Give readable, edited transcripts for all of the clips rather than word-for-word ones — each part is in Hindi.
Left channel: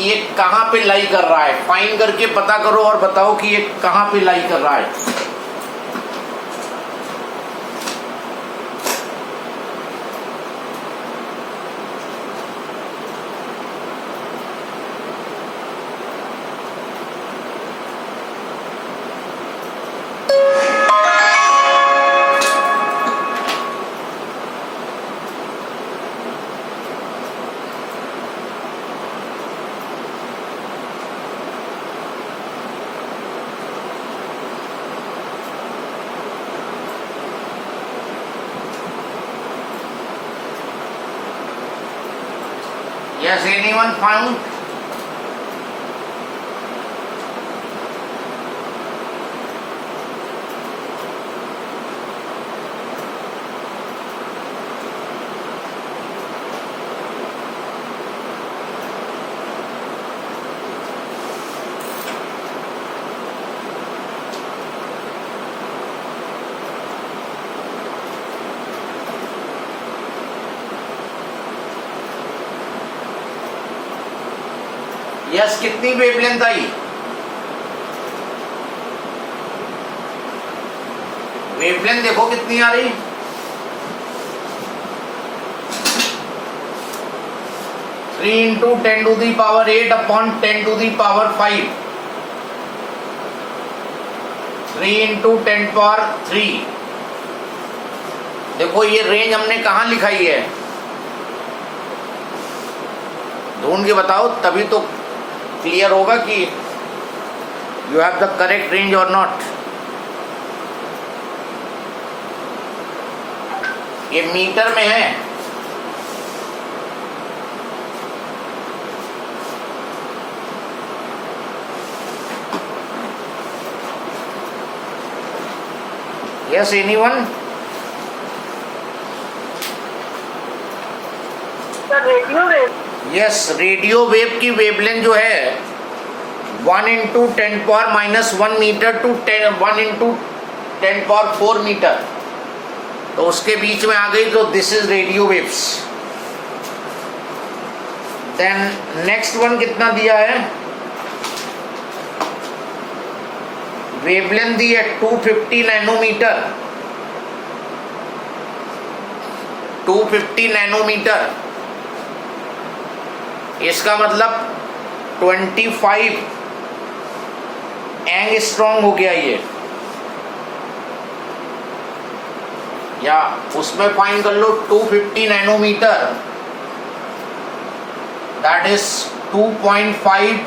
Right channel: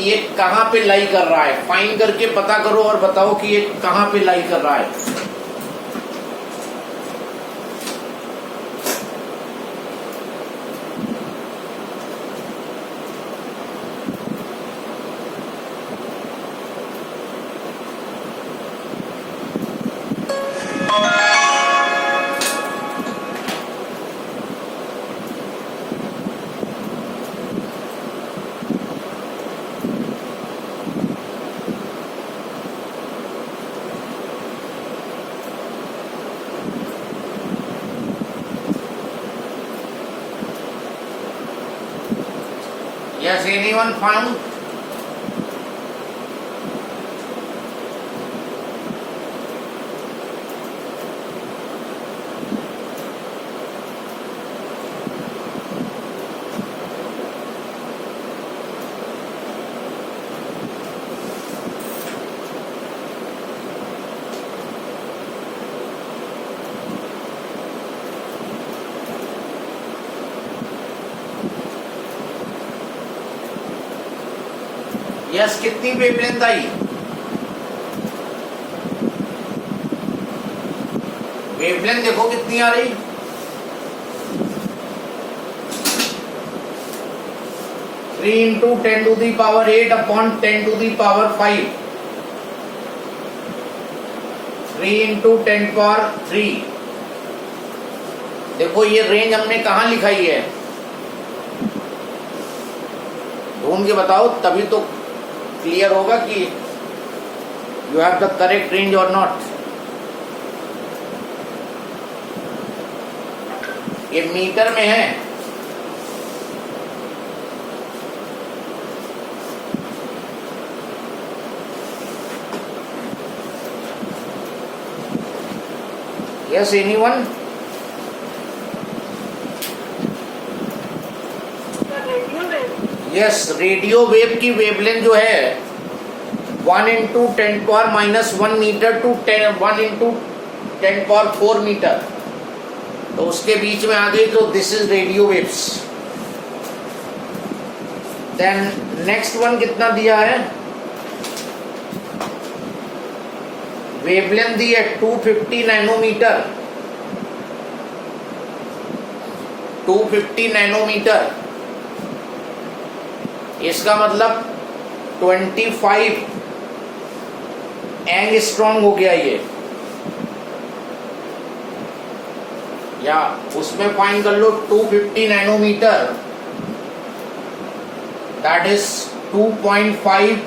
कि ये कहाँ पे लाई कर रहा है, फाइंड करके पता करो और बताओ कि ये कहाँ पे लाई कर रहा है। Yes, anyone found? यस, कितनी वेवलेंथ आई? वेवलेंथ देखो कितनी आ रही। Three into 10⁸ upon 10⁵ 3 into 10⁻3। देखो ये रेंज हमने कहाँ लिखाई है, ढूंढ के बताओ, तभी तो क्लियर होगा कि you have the correct range और नॉट। ये मीटर में है। Yes, anyone? Radio wave. Yes, radio wave की वेवलेंथ जो है 1 into 10⁻⁻1 metre to 1 into 10⁻4 metre, तो उसके बीच में आ गई, तो this is radio waves. Then next one कितना दिया है? वेवलेंथ दी है 250 नैनोमीटर। 250 नैनोमीटर, इसका मतलब 25 एंगस्ट्रॉम हो गया ये, या उसमें फाइन कर लो 250 नैनोमीटर, दैट इज 2.5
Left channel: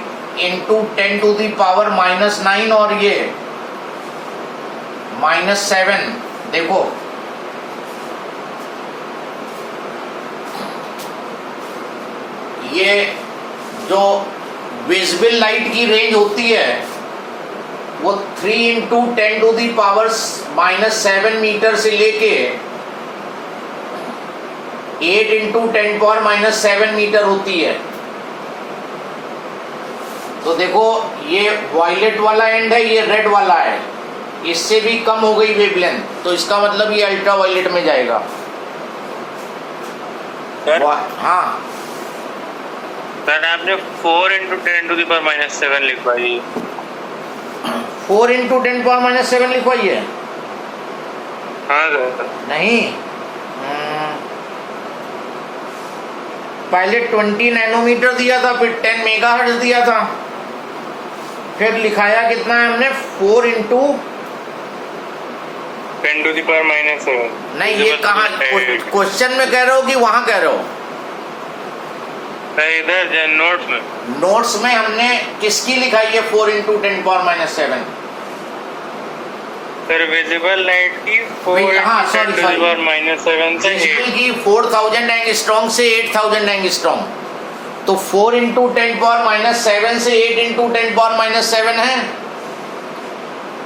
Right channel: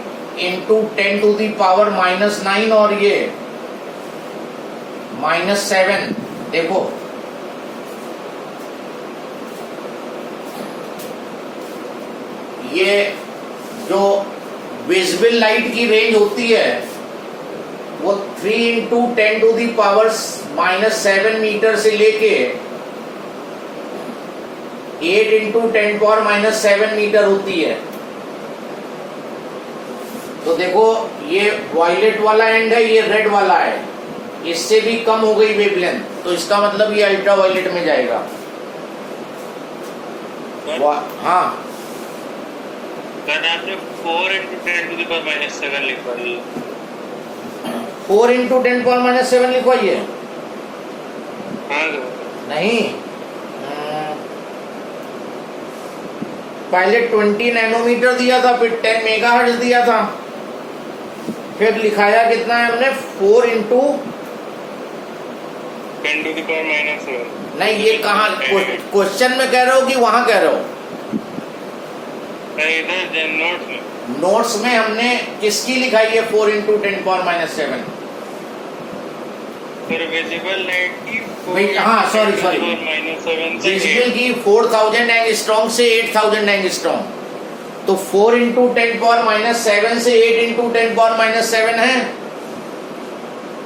इंटू 10⁻⁻⁹ और ये -7। देखो ये जो विजिबल लाइट की रेंज होती है वो 3 इंटू 10⁻⁻7 मीटर से लेके 8 इंटू 10⁻⁷ मीटर होती है। तो देखो ये वायलेट वाला एंड है, ये रेड वाला है, इससे भी कम हो गई वेवलेंथ, तो इसका मतलब ये अल्ट्रा वायलेट में जाएगा। हाँ सर, आपने 4 इंटू 10⁻⁷ लिखवाई है। 4 इंटू 10⁻⁷ लिखवाई है? हाँ सर। नहीं, पहले 20 नैनोमीटर दिया था, फिर 10 मेगाहर्ट्ज दिया था, फिर लिखाया कितना है हमने 4 इंटू 10⁻⁷। नहीं, ये कहाँ क्वेश्चन में कह रहे हो कि वहां कह रहे हो? इधर नोट्स में। नोट्स में हमने किसकी लिखाई है 4 इंटू 10⁻⁷? सर विजिबल लाइट की हाँ सॉरी विजिबल की 4000 एंगस्ट्रॉम से 8000 एंगस्ट्रॉम, तो 4 इंटू 10⁻⁷ से 8 इंटू 10⁻⁷ है।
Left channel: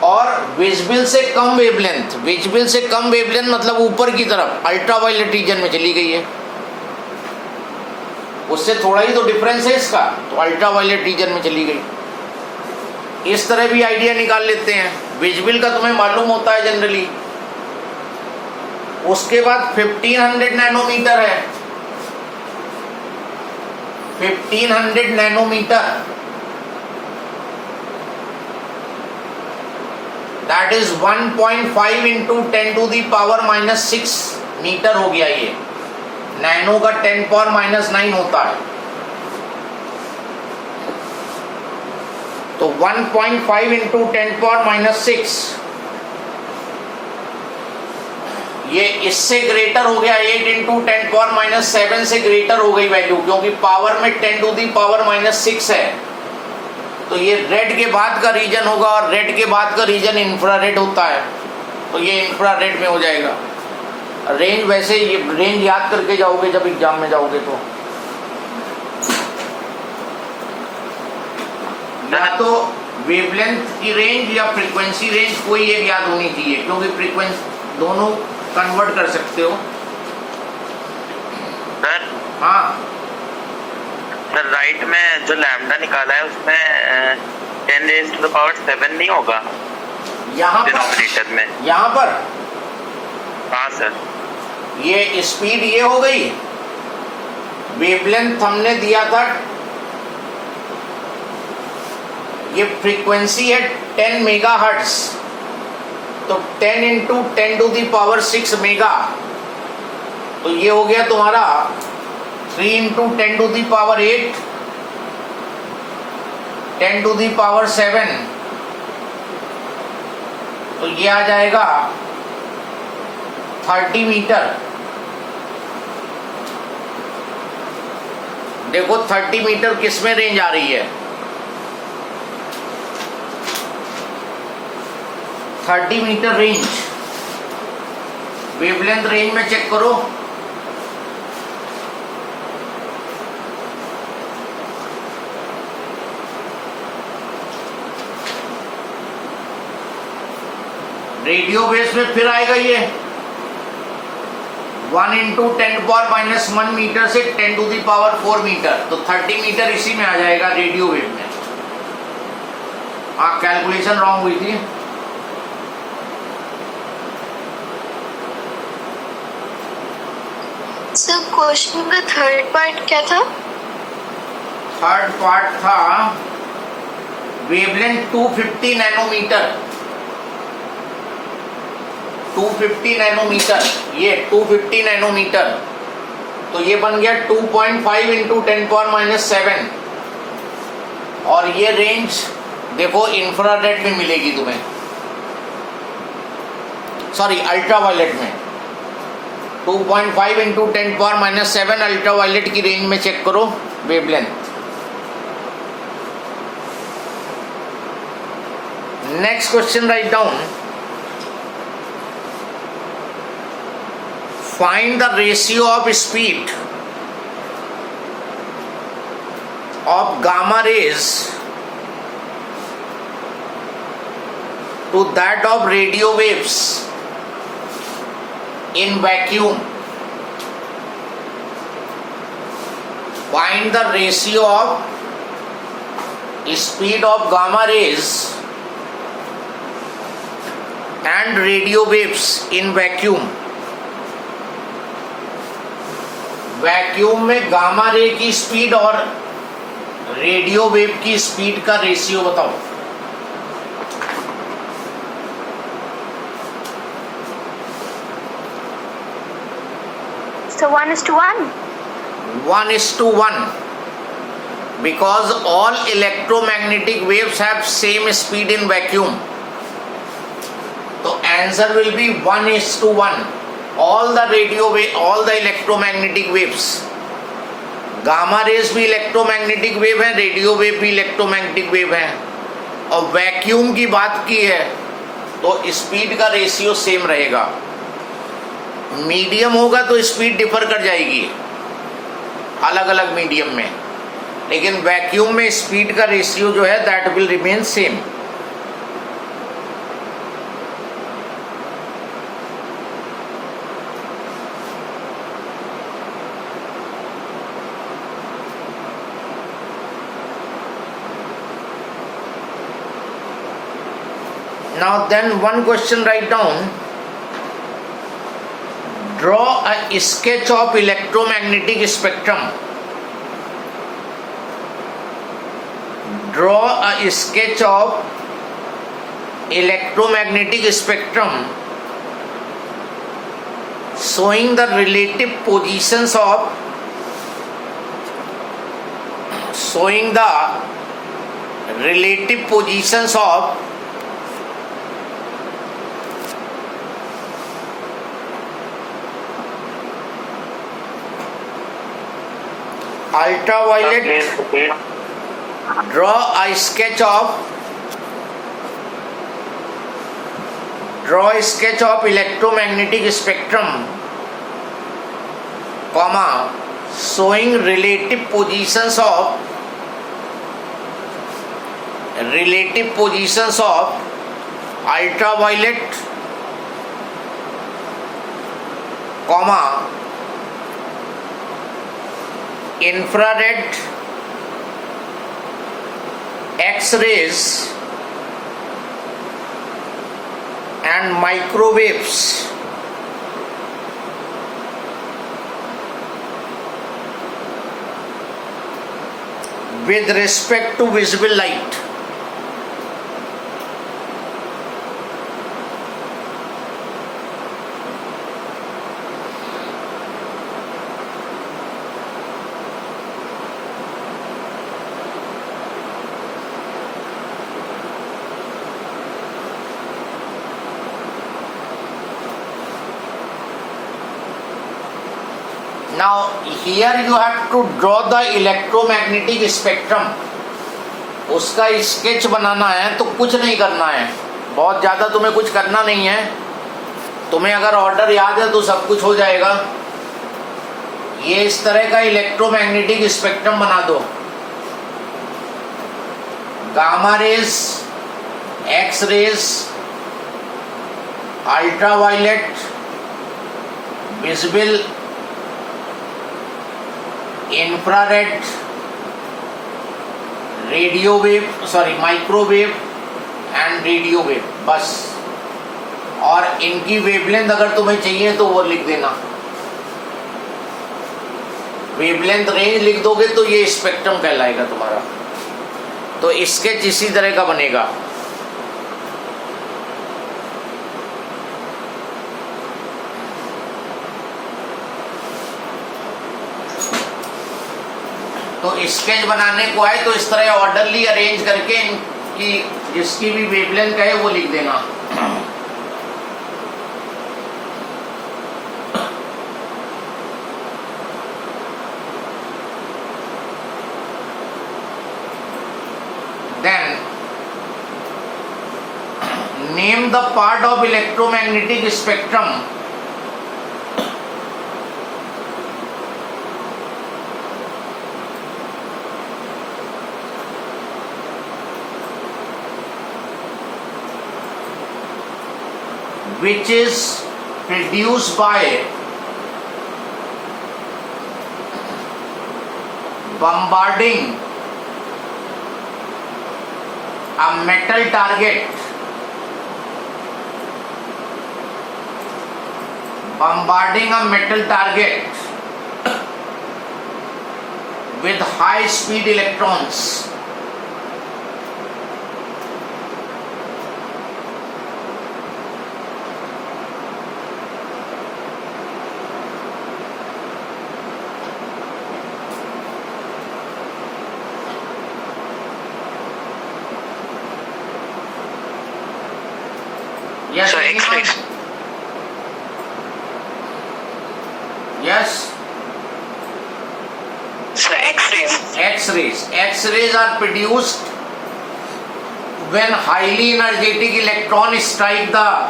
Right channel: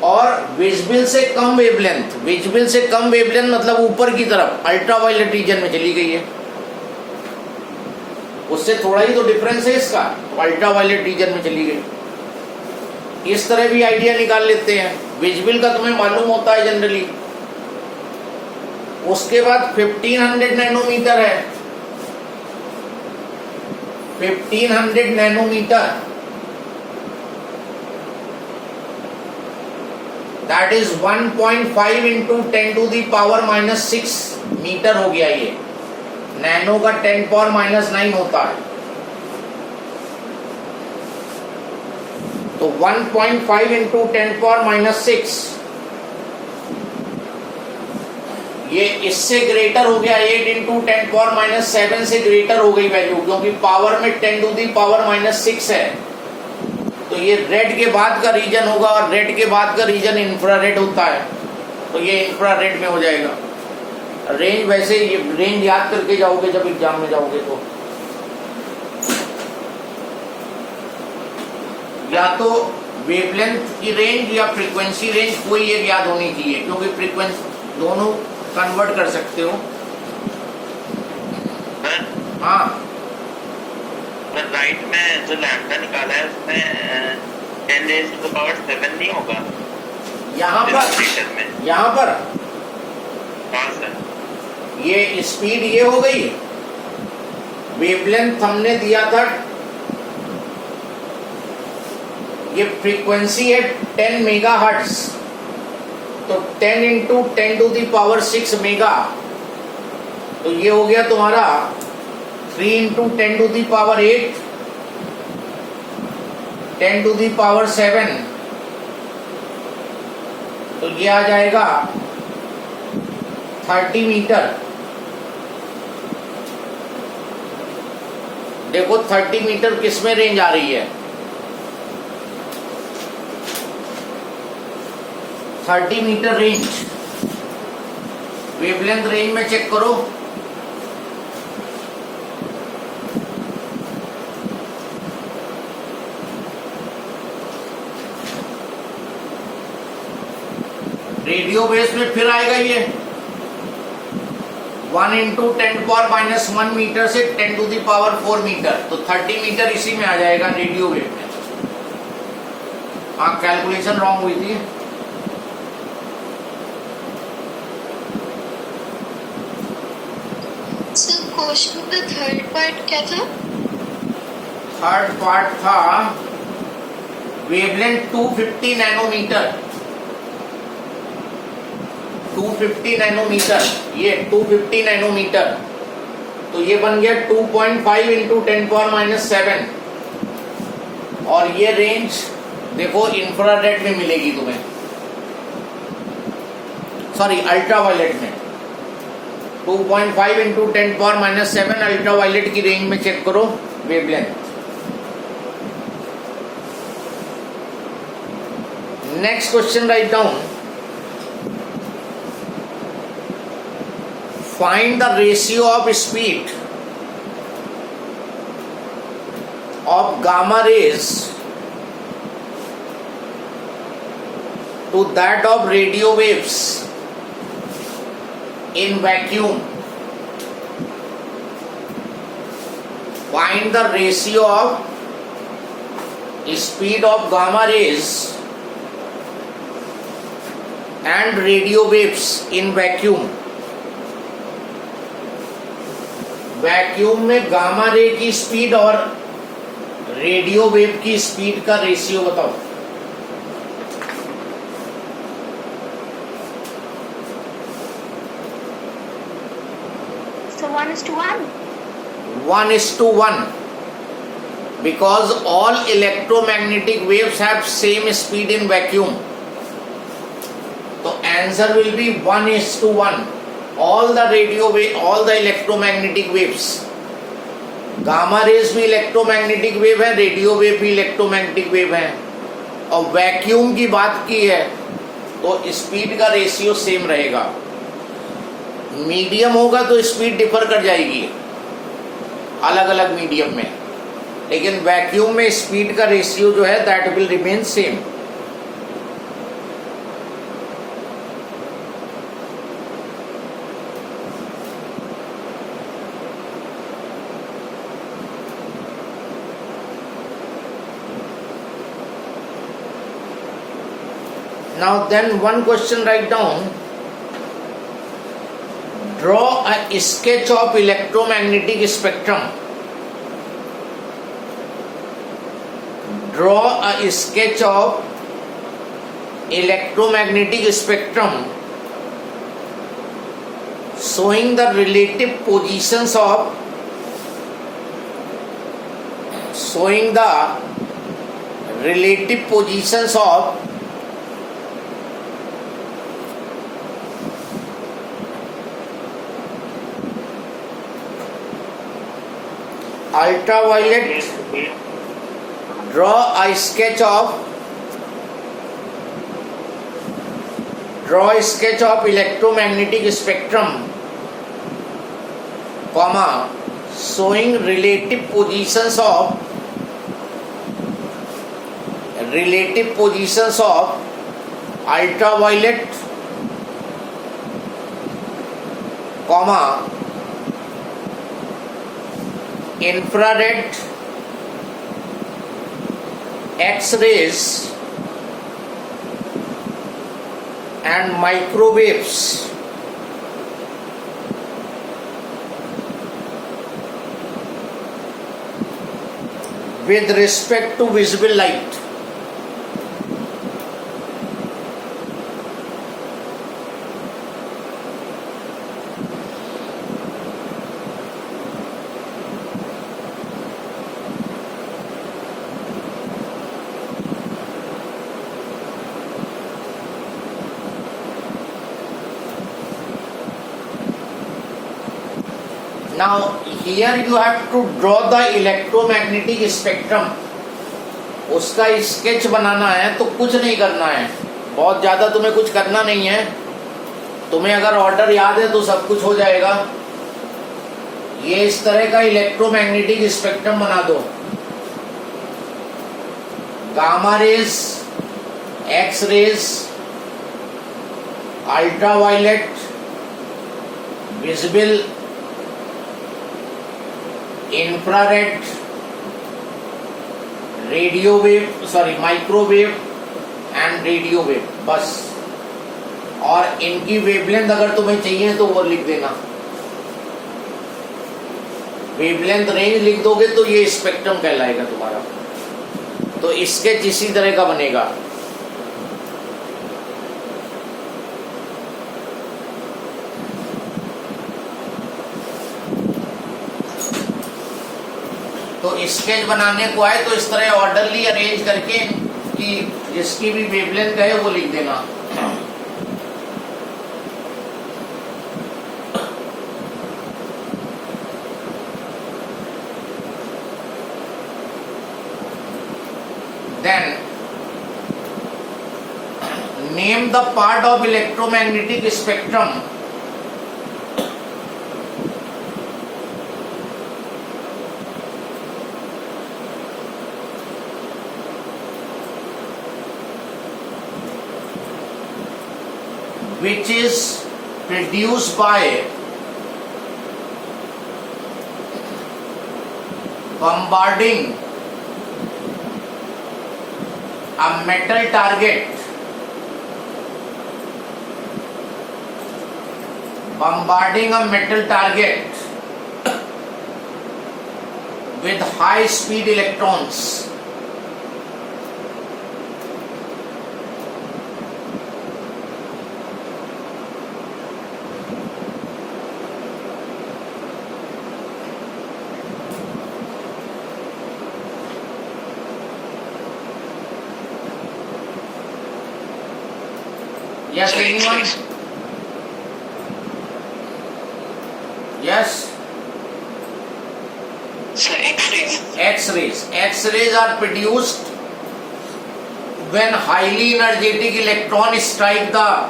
और विजिबल से कम वेवलेंथ, विजिबल से कम वेवलेंथ मतलब ऊपर की तरफ अल्ट्रा वायलेट रीजन में चली गई है, उससे थोड़ा ही तो डिफरेंस है इसका, तो अल्ट्रा वायलेट रीजन में चली गई। इस तरह भी आइडिया निकाल लेते हैं। विजिबल का तुम्हें मालूम होता है जनरली। उसके बाद 1500 नैनोमीटर है। 1500 nanometer, that is 1.5 into 10 to the power minus 6 metre हो गया ये। नैनो का 10 पावर माइनस 9 होता है, तो 1.5 इंटू 10 पावर माइनस 6, ये इससे ग्रेटर हो गया। 8 इंटू 10 पावर माइनस 7 से ग्रेटर हो गई वैल्यू, क्योंकि पावर में 10 टू दी पावर माइनस 6 है। तो ये रेड के बाद का रीजन होगा, और रेड के बाद का रीजन इंफ्रारेड होता है, तो ये इंफ्रारेड में हो जाएगा। रेंज वैसे ये रेंज याद करके जाओगे जब एग्जाम में जाओगे, तो या तो वेवलेंथ की रेंज या फ्रीक्वेंसी रेंज कोई एक याद होनी चाहिए, क्योंकि फ्रीक्वेंसी दोनों कन्वर्ट कर सकते हो। सर हाँ सर, राइट में जो लैम्डा निकाला है उसमें 10 रेज़ टू द पावर 7 नहीं होगा यहाँ डिनोमिनेटर में? यहाँ पर हाँ सर। ये स्पीड ये हो गई, वेवलेंथ हमने दिया था, ये फ्रीक्वेंसी है 10 मेगाहर्ट्ज, तो 10 into 10 to the power 6 mega, तो ये हो गया तुम्हारा 3 into 10 to the power 8, 10 to the power 7, तो ये आ जाएगा 30 मीटर। देखो 30 मीटर किस में रेंज आ रही है? 30 मीटर रेंज वेवलेंथ रेंज में चेक करो। रेडियो बेस में फिर आएगा ये 1 इंटू 10 पावर माइनस 1 मीटर से 10 टू दी पावर 4 मीटर, तो 30 मीटर इसी में आ जाएगा रेडियो वेव में। हाँ, कैलकुलेशन रॉन्ग हुई थी। सर क्वेश्चन का थर्ड पार्ट क्या था? थर्ड पार्ट था वेवलेंथ 250 नैनोमीटर, 250 नैनोमीटर, ये 250 नैनोमीटर, तो ये बन गया 2.5 इंटू 10 पावर माइनस 7, और ये रेंज देखो इंफ्रारेड में मिलेगी तुम्हें, सॉरी अल्ट्रावायलेट में। 2.5 इंटू 10 पावर माइनस 7 अल्ट्रावायलेट की रेंज में चेक करो wavelength. Next question write down, find the ratio of speed of gamma rays to that of radio waves in vacuum. Find the ratio of speed of gamma rays and radio waves in vacuum. Vacuum में गामा रे की स्पीड और रेडियो वेव की स्पीड का रेशियो बताओ। So 1:1. 1:1, because all electromagnetic waves have same speed in vacuum. तो answer will be 1:1. all the radio wave, all the electromagnetic waves, gamma rays भी इलेक्ट्रोमैग्नेटिक वेव है, रेडियो वेव भी इलेक्ट्रोमैग्नेटिक वेव है, और वैक्यूम की बात की है तो स्पीड का रेशियो सेम रहेगा। मीडियम होगा तो स्पीड डिफर कर जाएगी अलग अलग मीडियम में, लेकिन वैक्यूम में स्पीड का रेशियो जो है that will remain same. Now then one question, write down, draw a sketch of electromagnetic spectrum Draw a sketch of electromagnetic spectrum showing the relative positions of ultraviolet. Draw a sketch of electromagnetic spectrum, comma, showing relative positions of ultraviolet, comma, infrared, X-rays and microwaves with respect to visible light. Now here you have to draw the electromagnetic spectrum. उसका स्केच बनाना है तो कुछ नहीं करना है, बहुत ज़्यादा तुम्हें कुछ करना नहीं है. तुम्हें अगर ऑर्डर याद है तो सब कुछ हो जाएगा. ये इस तरह का इलेक्ट्रोमैग्नेटिक स्पेक्ट्रम बना दो. Gamma rays, X rays, ultraviolet, visible, infrared, radio wave, microwave and radio wave, बस. और इनकी वेवलेंथ अगर तुम्हें चाहिए तो वो लिख देना. वेवलेंथ रेंज लिख दोगे तो ये स्पेक्ट्रम कहलाएगा तुम्हारा. तो स्केच इसी तरह का बनेगा. तो स्केच बनाने को आए तो इस तरह ऑर्डरली अरेंज करके कि जिसकी भी वेवलेंथ है वो लिख देना. Then name the part of electromagnetic spectrum which is produced by bombarding a metal target with high speed electrons. Yes, So anyone? X-rays. Yes. So X-rays. X-rays are produced when highly energetic electrons strike the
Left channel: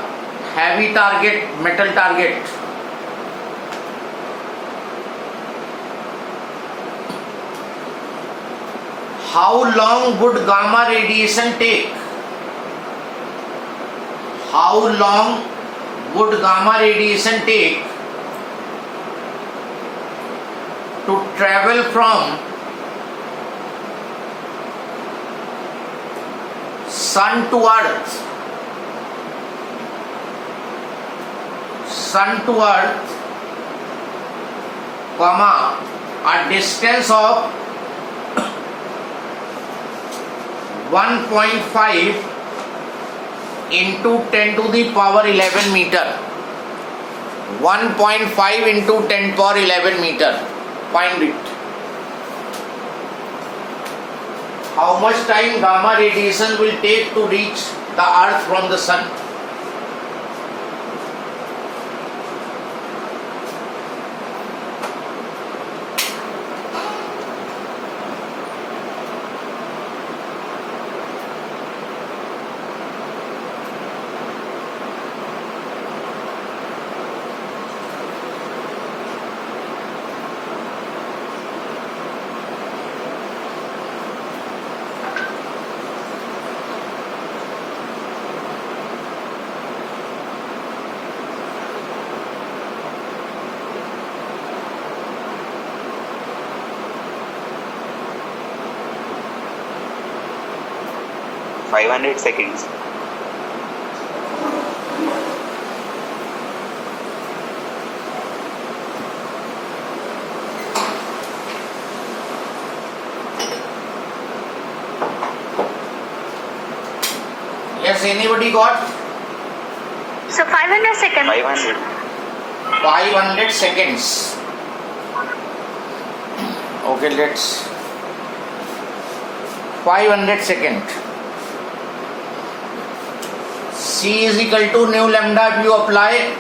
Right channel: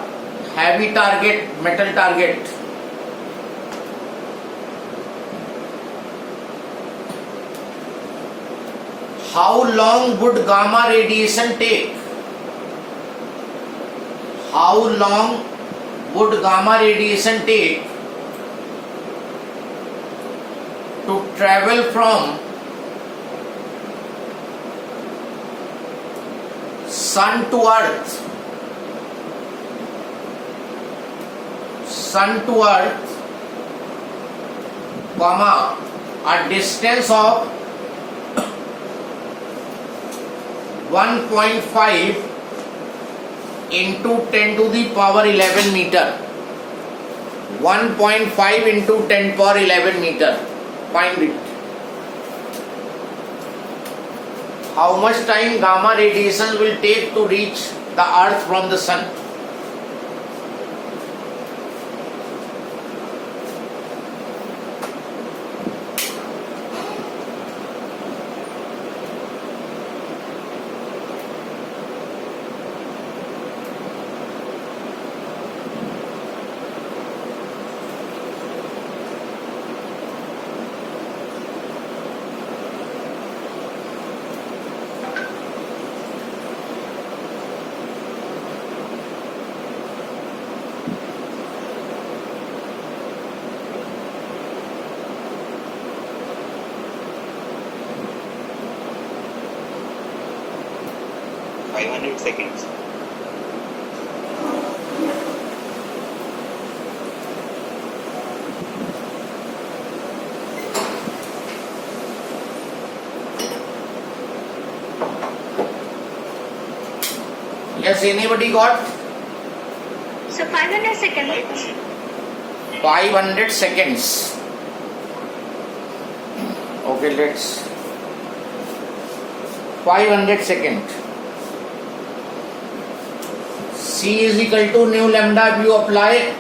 heavy target, metal target. How long would gamma radiation take? How long would gamma radiation take to travel from sun to earth, comma, a distance of 1.5 into 10 to the power 11 meter. 1.5 into 10 power 11 meter. Find it. How much time gamma radiation will take to reach the earth from the sun? Five 500 seconds. Yes, anybody got? So 500 seconds. 500. 500 seconds. Okay, let's 500 second. C is equal to nu lambda. If you apply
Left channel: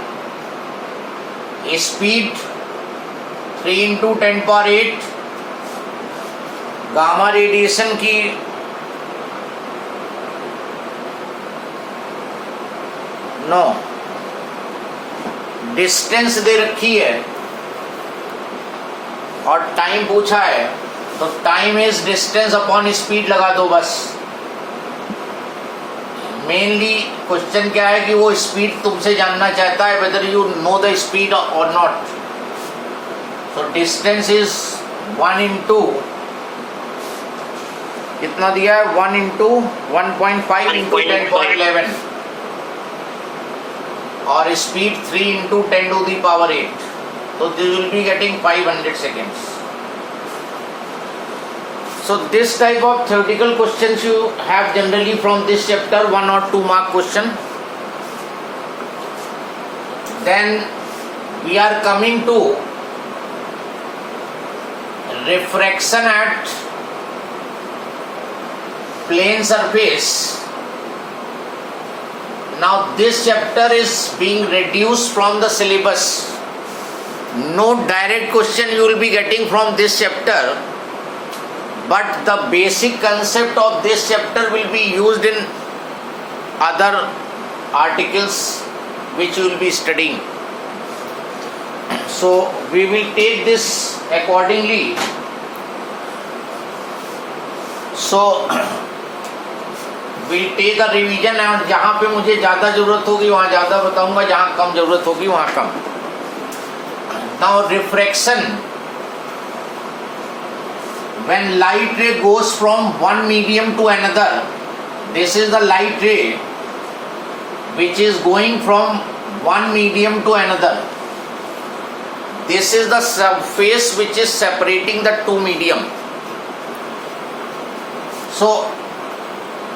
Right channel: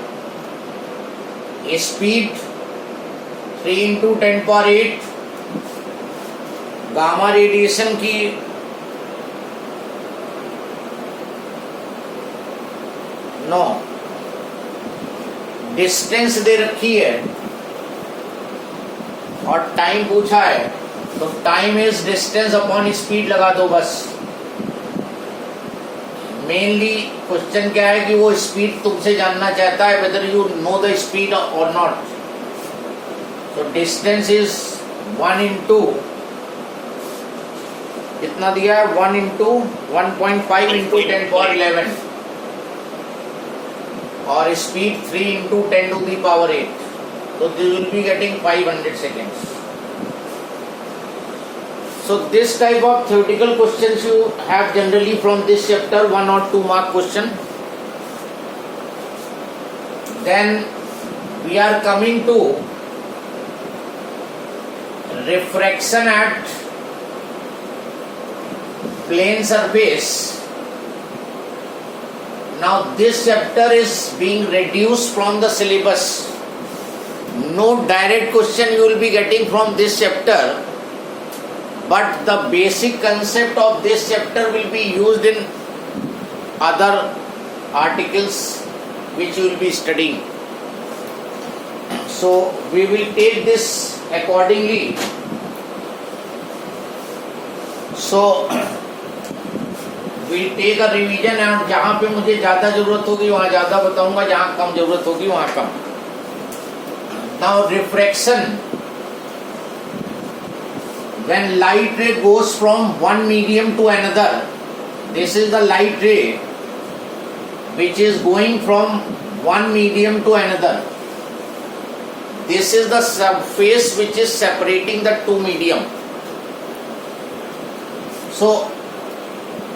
a speed 3 into 10 power 8 gamma radiation की नो डिस्टेंस दे रखी है और टाइम पूछा है, तो time is distance upon speed लगा दो बस. मेनली क्वेश्चन क्या है कि वो स्पीड तुमसे जानना चाहता है, whether you know the speed और not. So distance is 1 into कितना दिया है, 1 into 1.5 into 10 power 11 और speed 3 into 10 to the power 8. So this will be getting 500 seconds. So this type of theoretical questions you have generally from this chapter, 1 or 2 mark question. Then we are coming to refraction at plane surface. Now this chapter is being reduced from the syllabus. No direct question you will be getting from this chapter, but the basic concept of this chapter will be used in other articles which you will be studying. So we will take this accordingly. So we'll take a revision and जहाँ पे मुझे ज़्यादा ज़रूरत होगी वहाँ ज़्यादा बताऊंगा, जहाँ कम ज़रूरत होगी वहाँ कम. Now refraction, when light ray goes from one medium to another, this is the light ray which is going from one medium to another. This is the surface which is separating the two medium. So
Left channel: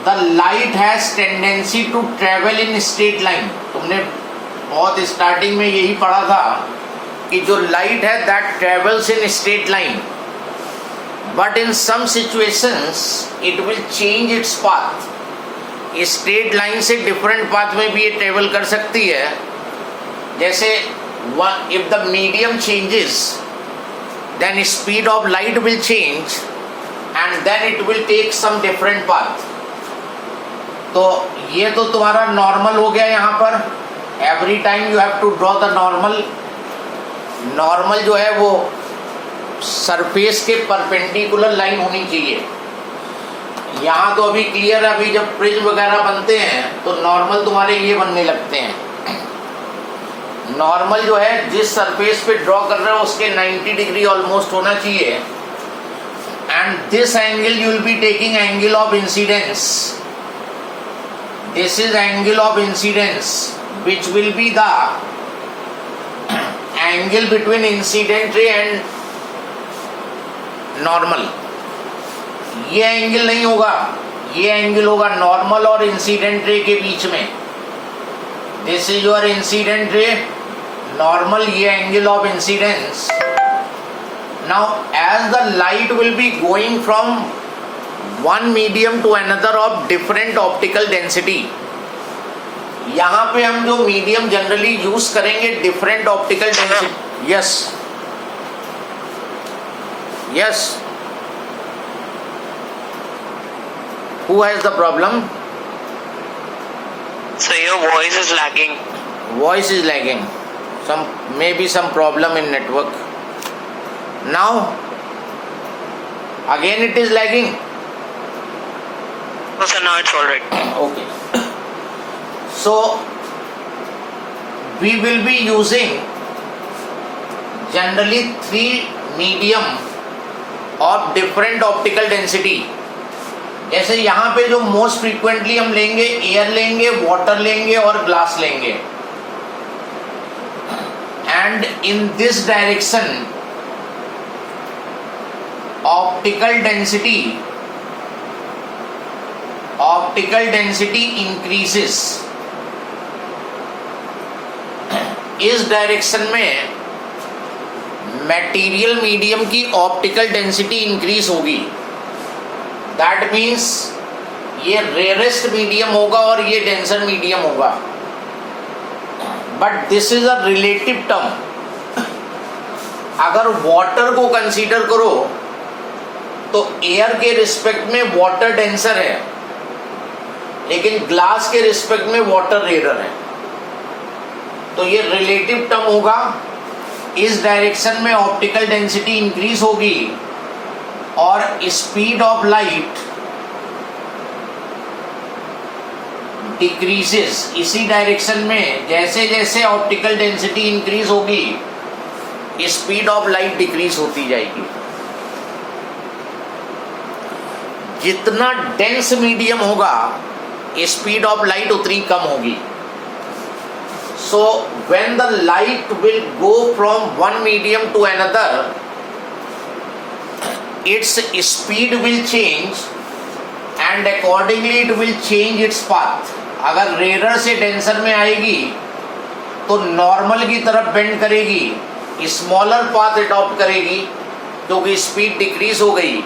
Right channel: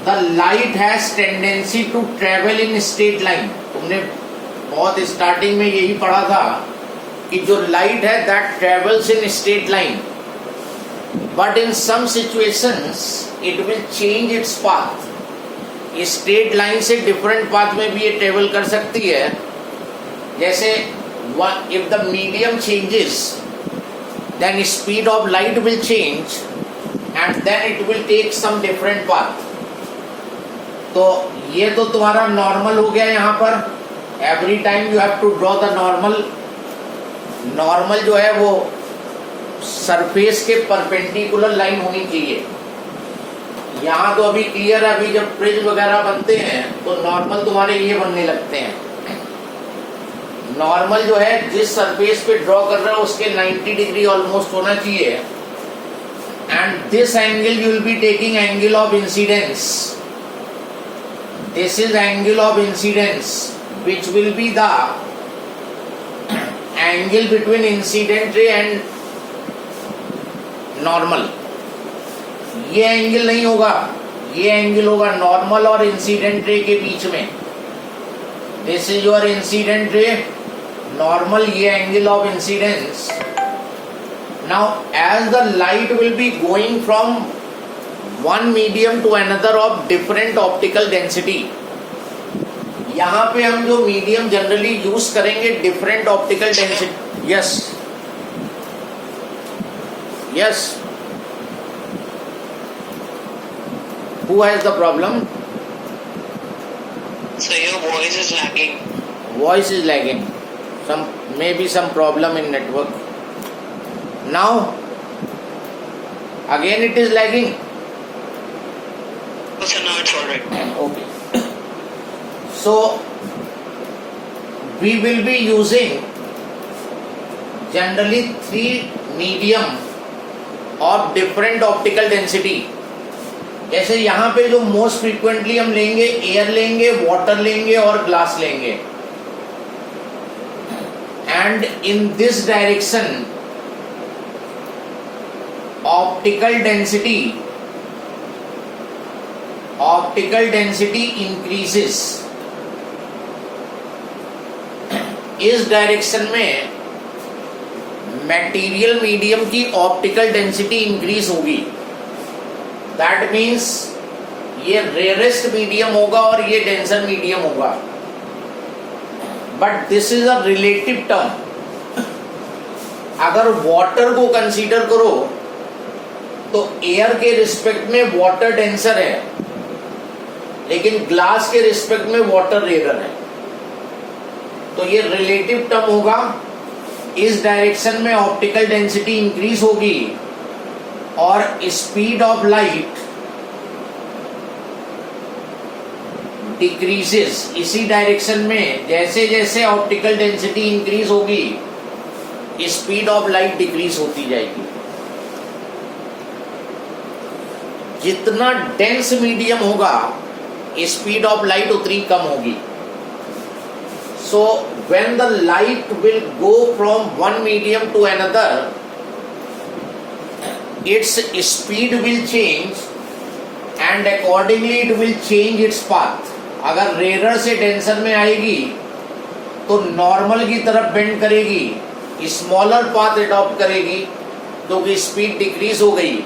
the light has tendency to travel in straight line. तुमने बहुत स्टार्टिंग में यही पढ़ा था कि जो लाइट है that travels in straight line, but in some situations it will change its path. Straight line से डिफरेंट पाथ में भी ये ट्रेवल कर सकती है. जैसे if the medium changes, then speed of light will change and then it will take some different path. तो ये तो तुम्हारा नॉर्मल हो गया. यहाँ पर every time you have to draw the normal. Normal जो है वो सरफेस के परपेंडिकुलर लाइन होनी चाहिए. यहाँ तो अभी क्लियर है, अभी जब प्रिज्म वगैरह बनते हैं तो नॉर्मल तुम्हारे ये बनने लगते हैं. नॉर्मल जो है जिस सरफेस पे ड्रॉ कर रहे हो उसके 90 डिग्री ऑलमोस्ट होना चाहिए. And this angle you will be taking angle of incidence. This is angle of incidence, which will be the angle between incident ray and normal. ये एंगल नहीं होगा, ये एंगल होगा नॉर्मल और इंसिडेंट रे के बीच में. This is your incident ray, normal, ये angle of incidence. Now as the light will be going from one medium to another of different optical density, यहां पे हम जो मीडियम जनरली यूज करेंगे different optical density. Yes yes, who has the problem? So your voice is lagging. Voice is lagging, maybe some problem in network. Now again it is lagging. No sir, now it's all right. Okay, so we will be using generally 3 medium of different optical density. जैसे यहाँ पे जो मोस्ट फ्रीक्वेंटली हम लेंगे, एयर लेंगे, वाटर लेंगे और ग्लास लेंगे. And in this direction optical density increases. इस डायरेक्शन में मटेरियल मीडियम की ऑप्टिकल डेंसिटी इंक्रीज होगी. दैट मीन्स ये रेयरेस्ट मीडियम होगा और ये डेंसर मीडियम होगा. But this is a relative term. अगर वाटर को कंसीडर करो तो एयर के रिस्पेक्ट में वाटर डेंसर है, लेकिन ग्लास के रिस्पेक्ट में वाटर रेयर है. तो ये रिलेटिव टर्म होगा. इस डायरेक्शन में ऑप्टिकल डेंसिटी इंक्रीज होगी और स्पीड ऑफ लाइट डिक्रीजेस. इसी डायरेक्शन में जैसे जैसे ऑप्टिकल डेंसिटी इंक्रीज होगी, स्पीड ऑफ लाइट डिक्रीज होती जाएगी. जितना डेंस मीडियम होगा, स्पीड ऑफ लाइट उतनी कम होगी. So when the light will go from one medium to another, its speed will change and accordingly it will change its path. अगर रेयर से डेंसर में आएगी तो नॉर्मल की तरफ बेंड करेगी, स्मॉलर पाथ अडॉप्ट करेगी क्योंकि स्पीड डिक्रीज हो गई.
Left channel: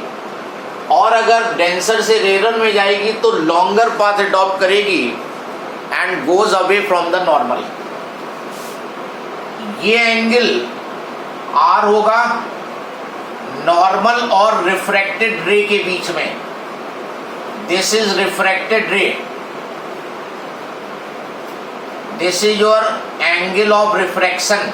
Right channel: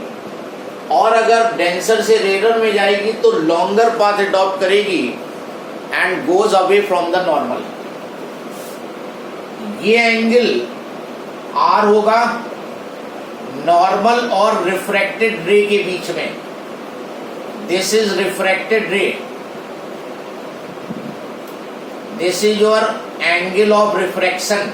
और अगर डेंसर से रेयर में जाएगी तो लॉन्गर पाथ अडॉप्ट करेगी and goes away from the normal. ये एंगल R होगा नॉर्मल और रिफ्रैक्टेड रे के बीच में. दिस इज रिफ्रैक्टेड रे, this is your angle of refraction.